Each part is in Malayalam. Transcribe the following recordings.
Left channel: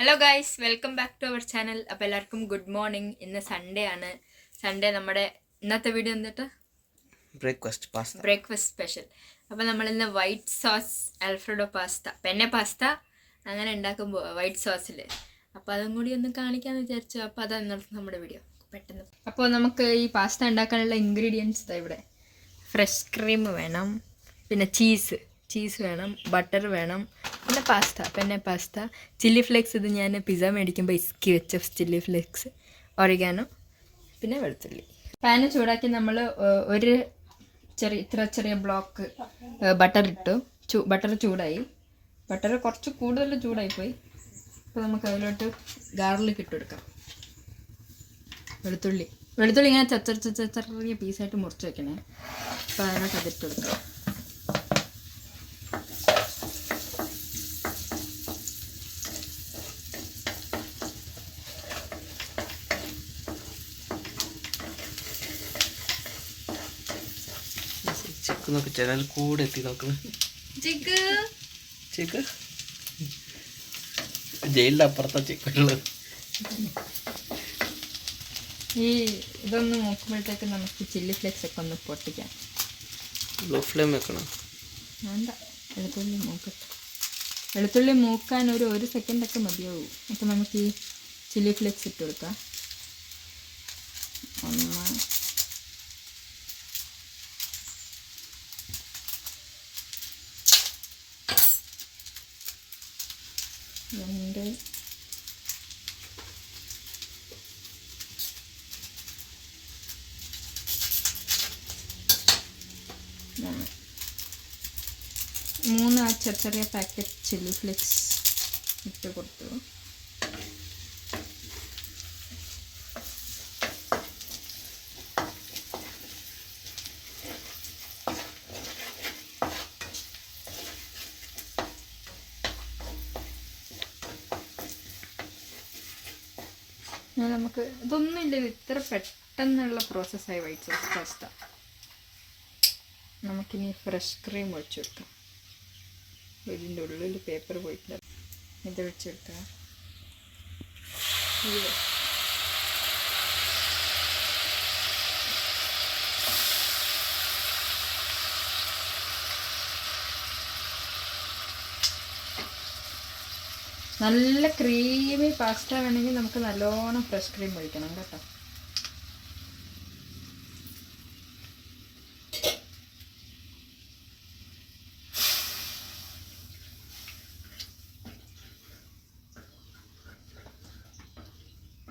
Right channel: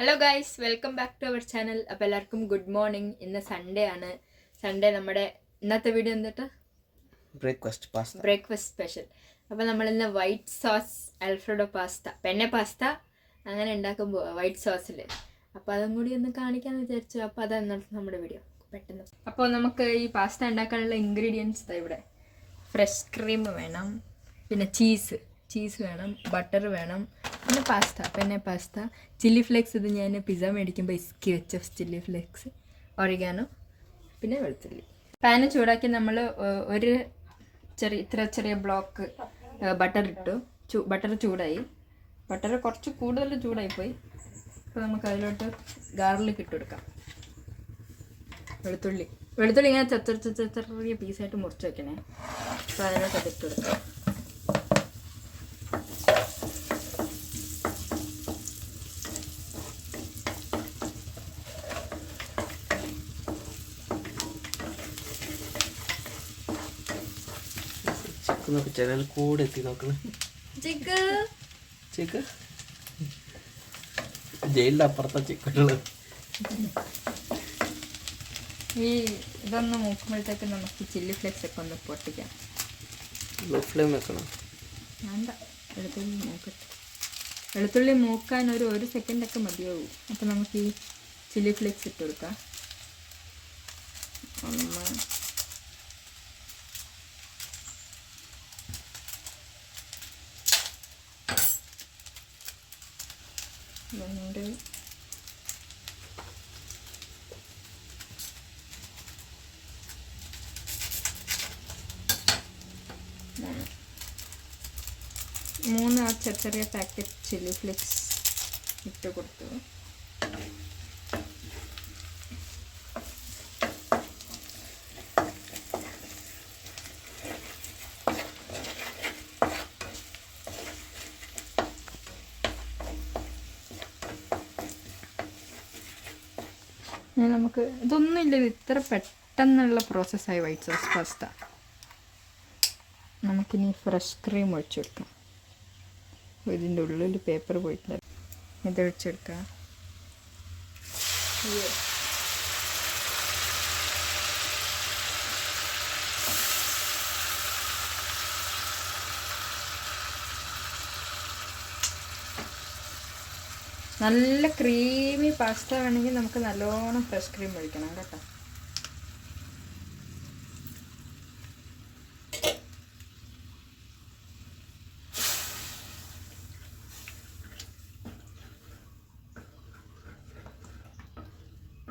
Hello guys, welcome back to our channel. അപ്പോൾ എല്ലാവർക്കും ഗുഡ് മോർണിംഗ്. ഇന്ന് സൺഡേ ആണ്. സൺഡേ നമ്മുടെ ഇന്നത്തെ വീഡിയോ എന്നിട്ട് ബ്രേക്ക്ഫാസ്റ്റ് സ്പെഷ്യൽ. അപ്പോൾ നമ്മളിന്ന് white sauce Alfredo pasta, penne pasta അങ്ങനെ ഉണ്ടാക്കുമ്പോൾ വൈറ്റ് സോസിൽ, അപ്പോൾ അതും കൂടി ഒന്ന് കാണിക്കാമെന്ന് വിചാരിച്ചു. അപ്പോൾ അതാണ് ഇന്നത്തെ നമ്മുടെ വീഡിയോ പെട്ടെന്ന്. അപ്പോൾ നമുക്ക് ഈ പാസ്ത ഉണ്ടാക്കാനുള്ള ഇൻഗ്രീഡിയൻസ് ഇവിടെ ഫ്രഷ് ക്രീം വേണം, പിന്നെ ചീസ് വേണം, ബട്ടർ വേണം, പിന്നെ പെന്നെ പാസ്ത, ചില്ലി ഫ്ലേക്സ്. ഇത് ഞാൻ പിസ്സ മേടിക്കുമ്പോൾ ഇസ്കി വെച്ച ചില്ലി ഫ്ലേക്സ്, ഒറിഗാനോ, പിന്നെ വെളുത്തുള്ളി. പാന് ചൂടാക്കി നമ്മൾ ഒരു ചെറിയ ബ്ലോക്ക് ബട്ടർ ഇട്ടു. ബട്ടർ ചൂടായി. ബട്ടർ കുറച്ച് കൂടുതൽ ചൂടായിപ്പോയി. അപ്പോൾ നമുക്ക് അതിലോട്ട് ഗാർലിക് ഇട്ട് കൊടുക്കാം. വെളുത്തുള്ളി ഇങ്ങനെ ചെറിയ പീസായിട്ട് മുറിച്ച് വെക്കണേ. അപ്പോൾ അതിലോട്ട് അതിട്ട് കൊടുക്കാം. ചാനൽ കൂടെ എത്തി നോക്കണേ. ജയിലിന്റെ അപ്പുറത്താ ചിക്കുള്ളത്. ഈ ഇതൊന്ന് മൂക്കുമ്പോഴത്തേക്ക് നമുക്ക് ചില്ലി ഫ്ലേക്സ് ഒക്കെ ഒന്ന് പൊട്ടിക്കാം. ലോ ഫ്ലെയിം വെക്കണം. വേണ്ട, വെളുത്തുള്ളി മൂക്കാൻ ഒരു സെക്കൻഡൊക്കെ മതിയാവും. അപ്പം നമുക്ക് ഈ ചില്ലി ഫ്ലേക്സ് ഇട്ട് കൊടുക്കാം. രണ്ട് 3 ചെറിയ പാക്കറ്റ് ചില്ലി ഫ്ലേക്സ് ഇട്ട് കൊടുത്തു. നമുക്ക് ഇതൊന്നുമില്ല, ഇത് ഇത്ര പെട്ടെന്നുള്ള പ്രോസസ്സായി വൈറ്റ് സോസ് പാസ്ത. നമുക്കിനി ഫ്രഷ് ക്രീം ഒഴിച്ചെടുക്കാം. ഇതിൻ്റെ ഉള്ളിൽ പേപ്പർ പോയിട്ടില്ല. ഇതൊഴിച്ചെടുക്കാം. നല്ല ക്രീമി പാസ്ത വേണമെങ്കിൽ നമുക്ക് നല്ലോണം ഫ്രഷ് ക്രീം ഒഴിക്കണം കേട്ടോ.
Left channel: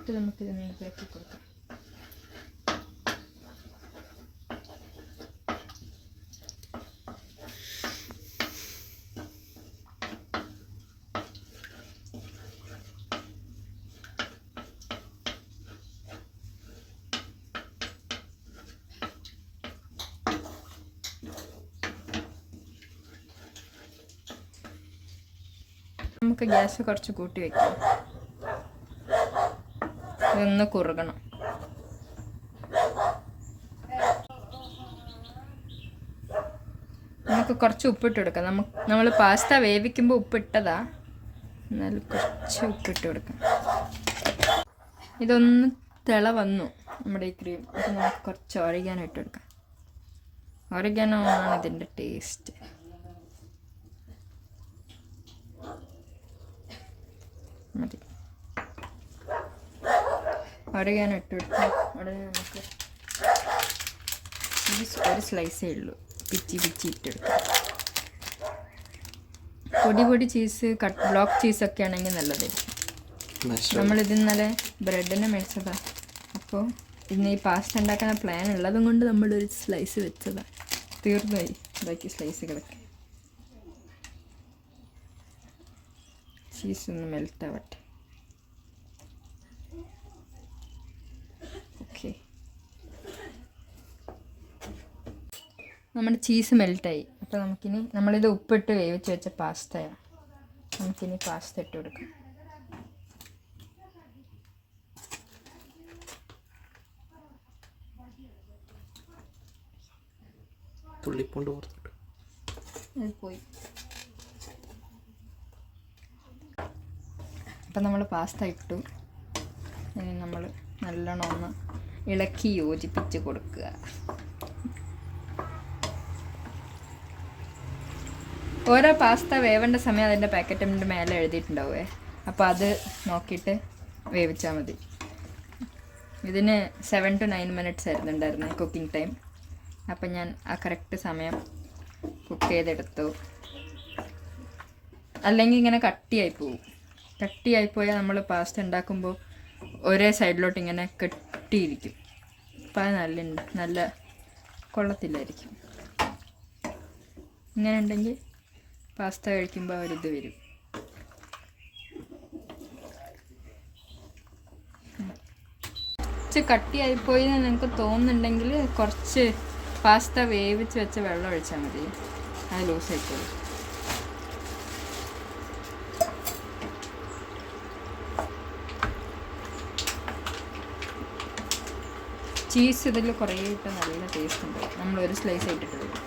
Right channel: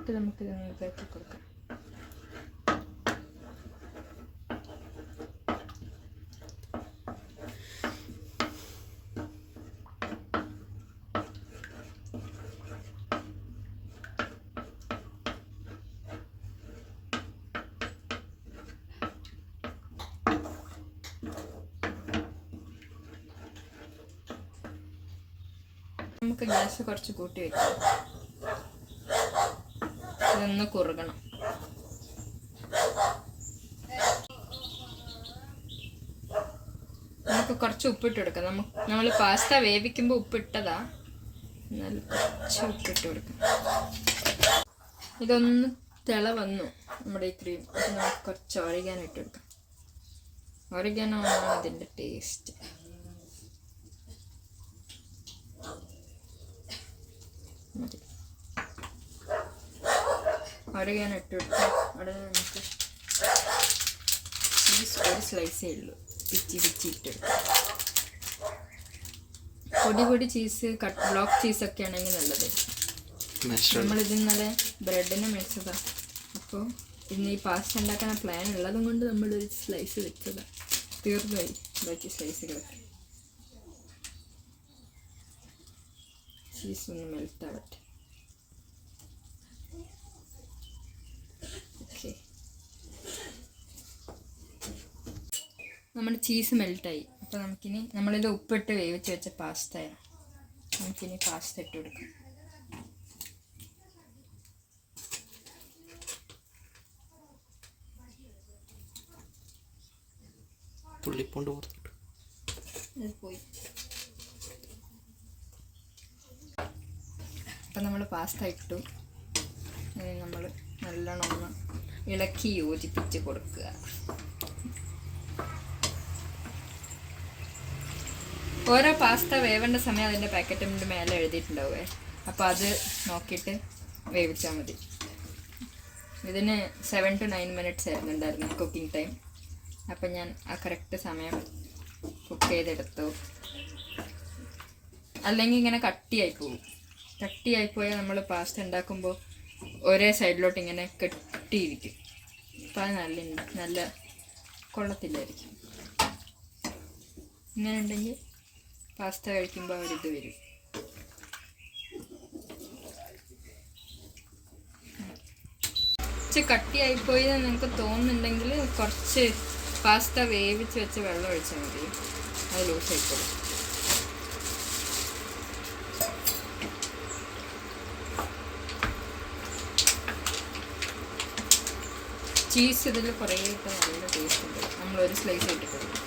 ഇത് നമുക്കിത് ഇതാക്കി കൊടുക്കാം. നമുക്ക് ഗ്യാസ് കുറച്ച് കൂട്ടി വയ്ക്കാം. ഇതൊന്ന് കുറുകണം. നമുക്ക് കുറച്ച് ഉപ്പിട്ട് കൊടുക്കാം. നമ്മൾ പാസ്ത വേവിക്കുമ്പോൾ ഉപ്പിട്ടതാ, എന്നാലും കുറച്ച് ഉപ്പിട്ട് കൊടുക്കാം. ഇതൊന്ന് തിള വന്നു നമ്മുടെ ഈ ക്രീം. അപ്പോൾ നമുക്ക് കുറച്ച് ഒറിഗാനോ ഇട്ട് കൊടുക്കാം. ഒറിഗാനോ ആണ് ഇതിൻ്റെ ടേസ്റ്റ്. മതി. ഒറിഗാനോ ഇട്ട് കൊടുക്കാം. ഉടനെ നമുക്ക് ചീസ് ഒരു സ്ലൈസേ ഉള്ളൂ, പിച്ചി ഇട്ടെടുക്കാം. പൊടി ചീസ്, ബ്ലോക്ക് ചീസൊക്കെ ആണെങ്കിൽ നല്ലതായിരിക്കും. നമ്മളിത് ഇന്നലെ ബ്രെഡിനെ മേടിച്ചതാണ്. അപ്പോൾ ഇന്ന് ഈ പാസ്ത ഉണ്ടാക്കാൻ പ്ലാൻ ഉള്ളതും കൊണ്ട് നമ്മളൊരു സ്ലൈസ് വെച്ചതാണ്. തീർന്നുപോയി, ബാക്കി സ്ലൈസ് കിടക്കുക. ചീസ് ഒന്ന് മെൽറ്റ് ആവട്ടെ. ഓക്കെ, നമ്മുടെ ചീസ് മെൽറ്റായി. അപ്പോൾ നമുക്കിനി നമ്മളിത് ഉപ്പിട്ട് വേവിച്ച് വെച്ച പാസ്തയാണ്. നമുക്കിനി പാസ്ത ഇട്ട് കൊടുക്കാം. തുള്ളിപ്പൂണ്ട് പുറത്തിട്ടു. അത് പോയി. അപ്പം നമ്മൾ പാസ്ത ഇട്ടു. ഇനി നമ്മൾ നല്ലോണം ഒന്ന് ഇളക്കി യോജിപ്പിച്ച് കൊടുക്കുക. ഓരോ പാസ്ത വേവേണ്ട സമയം അതിൻ്റെ പാക്കറ്റിൻ്റെ മേലെ എഴുതിയിട്ടുണ്ടാവുമേ. അപ്പോൾ അത് നോക്കിയിട്ട് വേവിച്ചാൽ മതി. ഇതിന് 7 to 9 minutes ആയിരുന്നുണ്ടായിരുന്നു കുക്കിംഗ് ടൈം. അപ്പം ഞാൻ ആ കറക്റ്റ് സമയം കുക്ക് ചെയ്തെടുത്തു. അല്ലെങ്കിൽ ഇങ്ങനെ കട്ടിയായി പോകും. കട്ടിയായിപ്പോയാൽ നമ്മൾ പാസ്ത ഉണ്ടാക്കുമ്പോൾ ഒരേ സൈഡിലോട്ട് ഇങ്ങനെ കെട്ടിയിരിക്കും. അപ്പം അത് നല്ല കൊള്ളത്തില്ലായിരിക്കും. ഇങ്ങനെ ഉണ്ടെങ്കിൽ പാസ്ത കഴിക്കുമ്പോൾ ഒരിത് വരും. കുറച്ച് കട്ടിയായിപ്പോയി എന്ന് നിങ്ങൾക്ക് തോന്നുന്നുണ്ടെങ്കിൽ കുറച്ച് പാസ്ത വേവിച്ച് വെച്ച് വെള്ളം ഒഴിച്ചാൽ മതി. അത് ലൂസായിക്കോളും. ചീസ് ഇതിൽ കുറേ ഇട്ട് നല്ല ടേസ്റ്റ് ഉണ്ട്. നമ്മൾ ഒരു സ്ലൈസ് ഇട്ടിട്ടുള്ളൂ.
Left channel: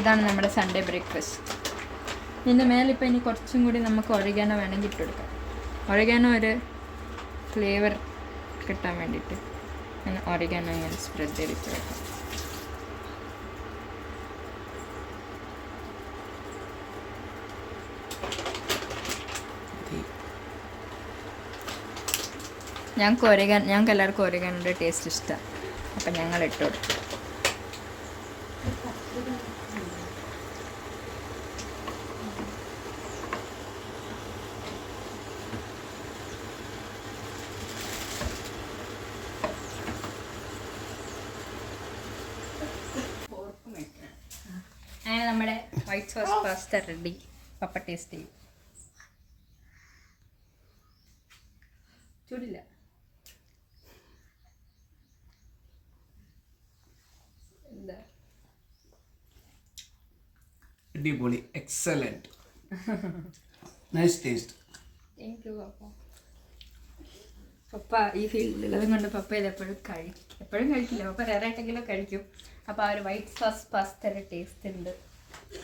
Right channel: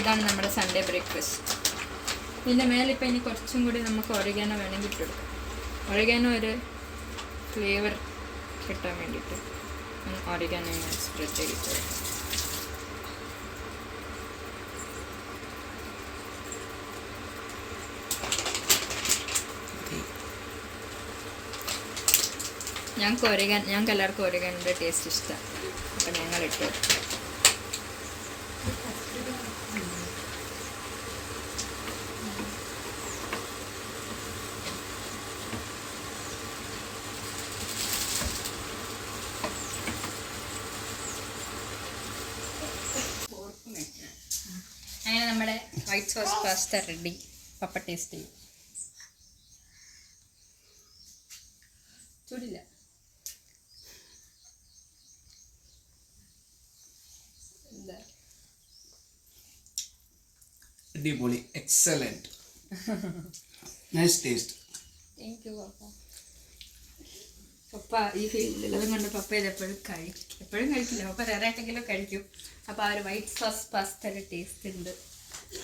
ഇതാണ് നമ്മുടെ സൺഡേ ബ്രേക്ക്ഫാസ്റ്റ്. ഇതിൻ്റെ മേലിപ്പോൾ ഇനി കുറച്ചും കൂടി നമുക്ക് ഒറിഗാനോ വേണമെങ്കിൽ ഇട്ടെടുക്കാം. ഒറിഗാനോ ഒരു ഫ്ലേവർ കിട്ടാൻ വേണ്ടിയിട്ട് ഞാൻ ഒറിഗാനോ സ്പ്രെഡ് ചെയ്തിട്ട് വെക്കാം. ഞങ്ങൾക്ക് എല്ലാവർക്കും ഒറിഗാനോൻ്റെ ടേസ്റ്റ് ഇഷ്ടമാണ്. അപ്പം ഞങ്ങൾ ഇട്ടു. അങ്ങനെ നമ്മുടെ white sauce pasta ready. Papa taste ചെയ്യും. ചൂടില്ല. എന്താ അടിപൊളി, excellent, nice taste. Thank you papa. Papa ഈ ഫീൽഡിൽ കൊണ്ട് പപ്പ ഇത് എപ്പോഴും കഴിക്കില്ല. പപ്പ റേറായിട്ടെങ്കിലും കഴിക്കും. അപ്പോൾ ആ ഒരു വൈറ്റ് സോസ് പാസ്തയുടെ ടേസ്റ്റ് ഉണ്ട്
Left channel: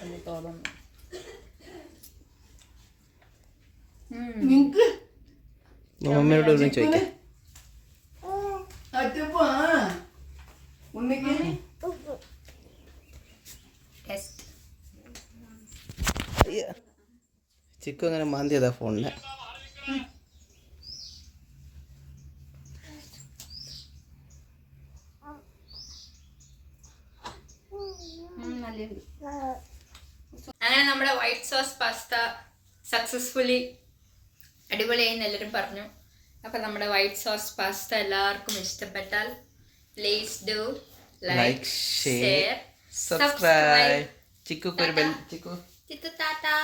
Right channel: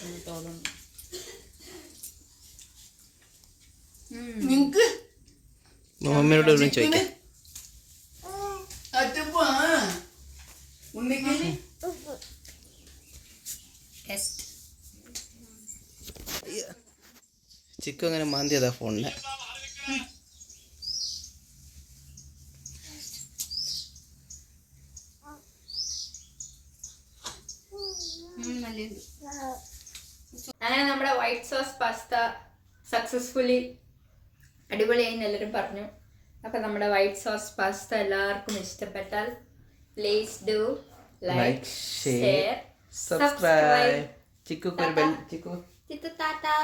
എന്ന് തോന്നുന്നു. മമ്മിയോട് ചോദിക്കാം. ചിക്കു അങ്ങനെ മാന്തിയതാ ഫോണിനെ. അങ്ങനെ നമ്മുടെ വൈറ്റ് സോസ് പാസ്ത സക്സസ്ഫുള്ളി അടിപൊളിയായി എല്ലാവരും പറഞ്ഞു. അപ്പം നമ്മുടെ വൈറ്റ് സോസ് പാസ്ത എല്ലാവർക്കും ഇഷ്ടപ്പെട്ടാൽ please do like, share, subscribe. ചിക്കു ടാറ്റാ.